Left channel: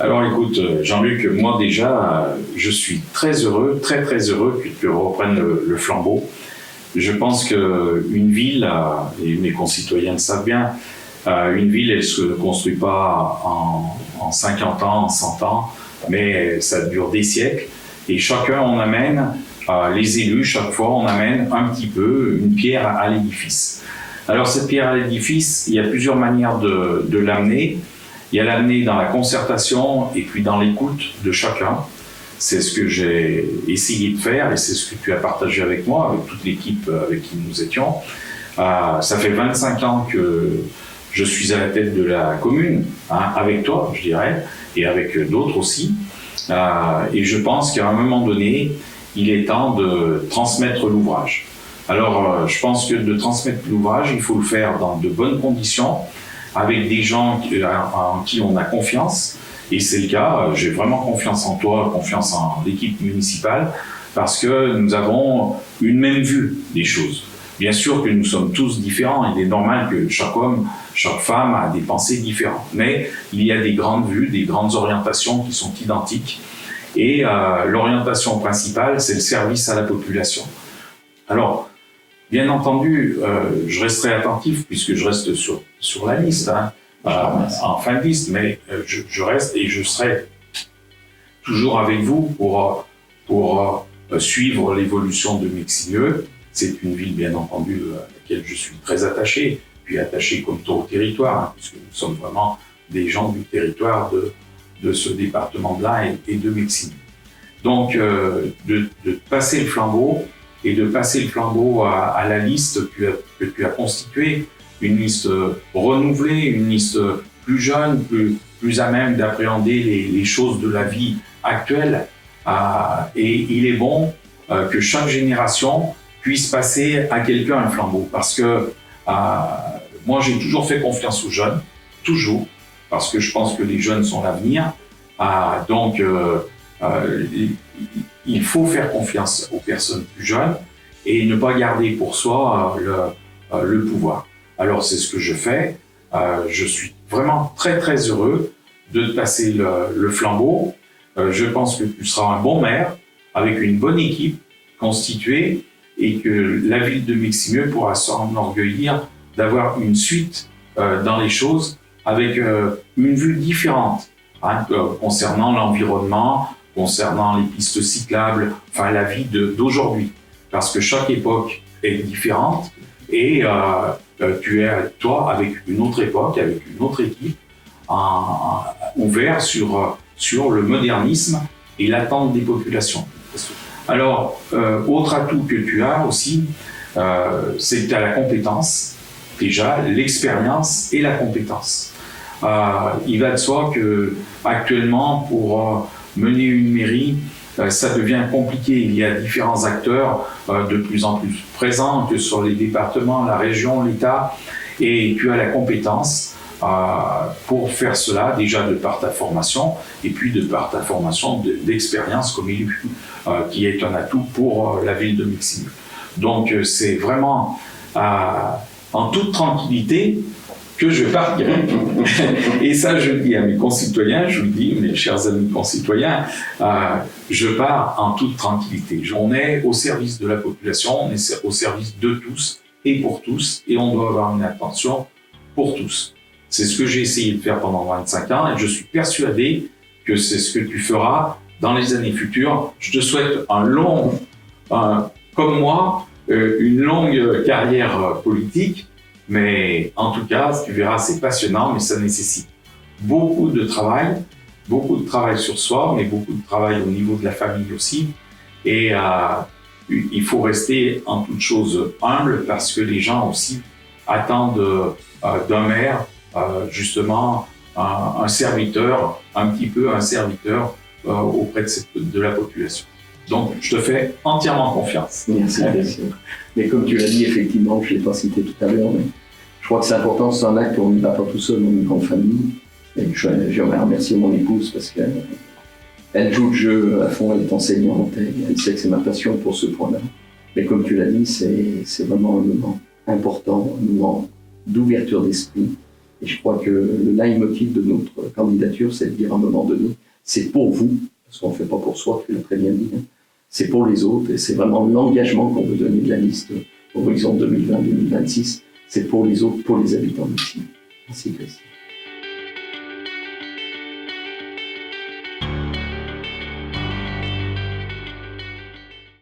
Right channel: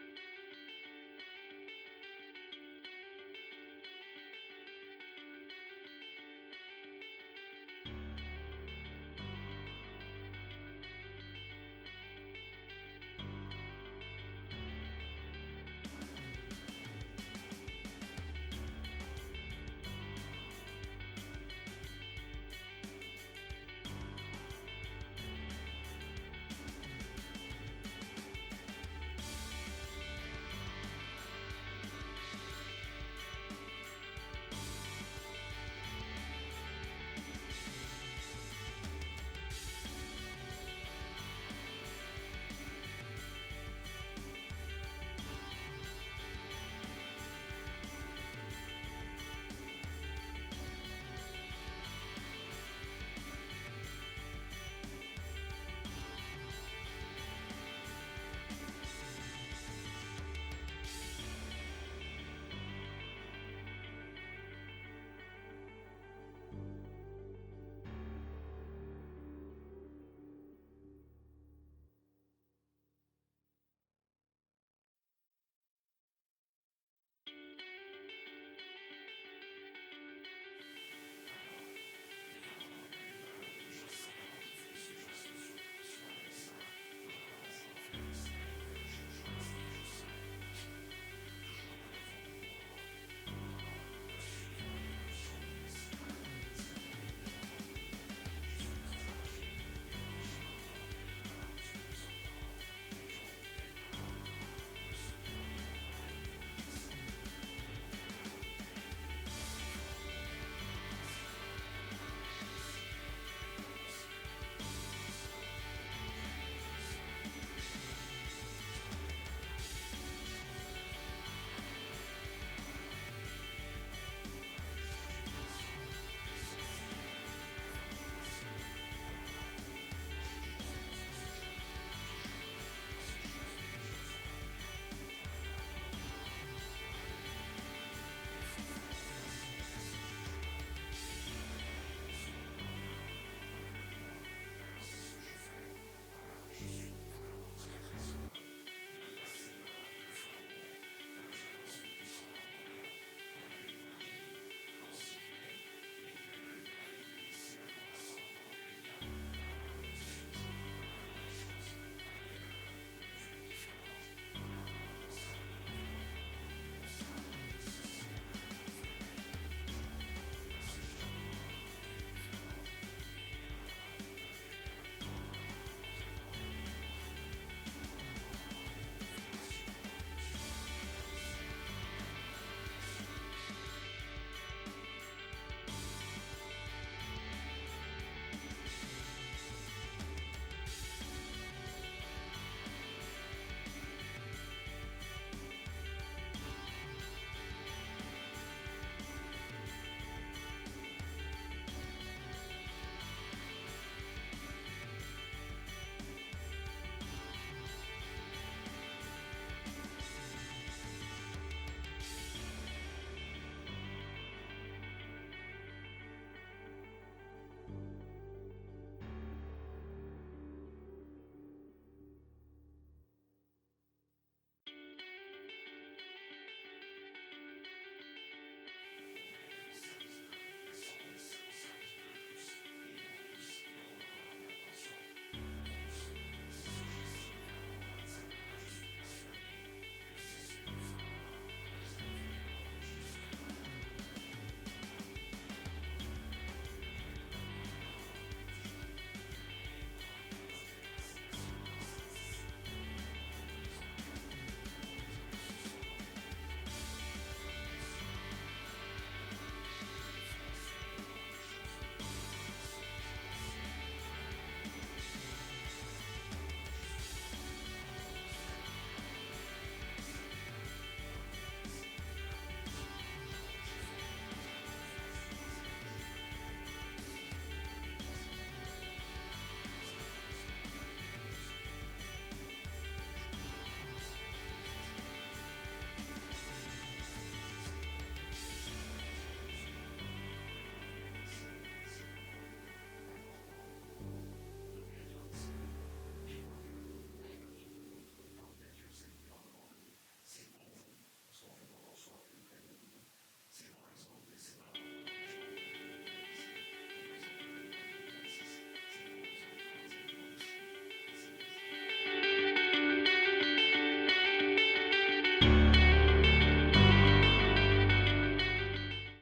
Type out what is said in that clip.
Alors écoute, Jean-Luc, moi déjà, je suis très heureux, très très heureux que tu reprennes le flambeau. Je pense qu'une ville, et mes concitoyens le savent bien, une ville, elle ne se construit pas en 50 ans, en 100 ans, mais ça dure des siècles. Et chacun, on amène, les élus, chaque fois, on amène un petit peu une pierre à l'édifice. Alors cette pierre à l'édifice, il y a plusieurs manières de l'amener. Il y a l'amener dans la concertation et puis dans l'écoute de chacun. C'est ce que j'ai essayé de faire et c'est ce que tu as partagé avec moi, avec toute l'équipe avec qui nous étions. Ça fait 25 ans que je suis à la tête de la commune, avec toi, je dirais, et avec d'autres aussi. Et je pense qu'à un moment donné, il est temps de transmettre l'ouvrage. Alors, je pense que de transmettre l'ouvrage, il faut le faire dans de bonnes conditions, avec des gens en qui on a confiance. Et c'est le cas, j'ai vraiment confiance en toi, confiance en l'équipe municipale, parce que nous avons une même vue des choses. Bien sûr que nous sommes tous différents, il est normal que chaque homme, chaque femme a des pensées différentes. Mais il y a des grandes vues, des grandes orientations qui sont identiques. Et l'orientation principale, c'est le service à la population. Alors, bien entendu, je resterai attentif, puisque je reste sur la liste, en fin de liste, mais je reste et je serai toujours avec vous pour suivre l'évolution de Meximieux. C'est une ville, bien entendu, à laquelle je suis très attaché, puis attaché comme tout au territoire, puisque nous sommes vraiment des gens du territoire de ce département-là et de Meximieux. Donc, de passer le flambeau, et de passer le flambeau à la liste que tu as constituée, une liste renouvelée, une liste plus jeune, plus à même d'appréhender les choses de la vie actuelle. Et il est bon que chaque génération puisse passer à quelqu'un un flambeau. Parce que moi, j'ai toujours fait confiance aux jeunes, toujours, parce que je pense que les jeunes sont l'avenir. Donc, il faut faire confiance aux personnes plus jeunes et ne pas garder pour soi le pouvoir. Alors c'est ce que je fais. Je suis vraiment très très heureux de te passer le flambeau. Je pense que tu seras un bon maire avec une bonne équipe constituée et que la ville de Meximieux pourra s'enorgueillir d'avoir une suite dans les choses avec une vue différente concernant l'environnement, concernant les pistes cyclables, enfin la vie d'aujourd'hui. Parce que chaque époque est différente et tu es, toi, avec une autre époque, avec une autre équipe, ouvert sur le modernisme et l'attente des populations. Alors, autre atout que tu as aussi, c'est que tu as la compétence, déjà, l'expérience et la compétence. Il va de soi qu'actuellement, pour mener une mairie, ça devient compliqué. Il y a différents acteurs de plus en plus présents, que sur les départements, la région, l'État, et tu as la compétence pour faire cela, déjà de par ta formation, et puis de par ta formation d'expérience comme élu, qui est un atout pour la ville de Meximieux. Donc c'est vraiment en toute tranquillité que je partirai. Et ça, je le dis à mes concitoyens, je le dis, mes chers amis concitoyens, je pars en toute tranquillité. On est au service de la population, on est au service de tous et pour tous, et on doit avoir une attention pour tous. C'est ce que j'ai essayé de faire pendant 25 ans, et je suis persuadé que c'est ce que tu feras dans les années futures. Je te souhaite comme moi, une longue carrière politique, mais en tout cas, tu verras, c'est passionnant, mais ça nécessite beaucoup de travail sur soi, mais beaucoup de travail au niveau de la famille aussi. Et il faut rester en toute chose humble parce que les gens aussi attendent d'un maire justement un serviteur, un petit peu un serviteur auprès de la population. Donc, je te fais entièrement confiance. Merci. Mais comme tu l'as dit, effectivement, je ne l'ai pas cité tout à l'heure, mais je crois que c'est important, c'est un acte qu'on n'y va pas tout seul, on est une grande famille. Et j'aimerais remercier mon épouse parce qu'elle joue le jeu à fond, elle est enseignante, elle sait que c'est ma passion pour ce point-là. Mais comme tu l'as dit, c'est vraiment un moment important, un moment d'ouverture d'esprit. Et je crois que le leitmotiv de notre candidature, c'est de dire à un moment donné, c'est pour vous, parce qu'on ne fait pas pour soi, tu l'as très bien dit, hein. C'est pour les autres, et c'est vraiment l'engagement qu'on veut donner de la liste Horizon 2020-2026, c'est pour les autres, pour les habitants d'ici. Merci, Christine.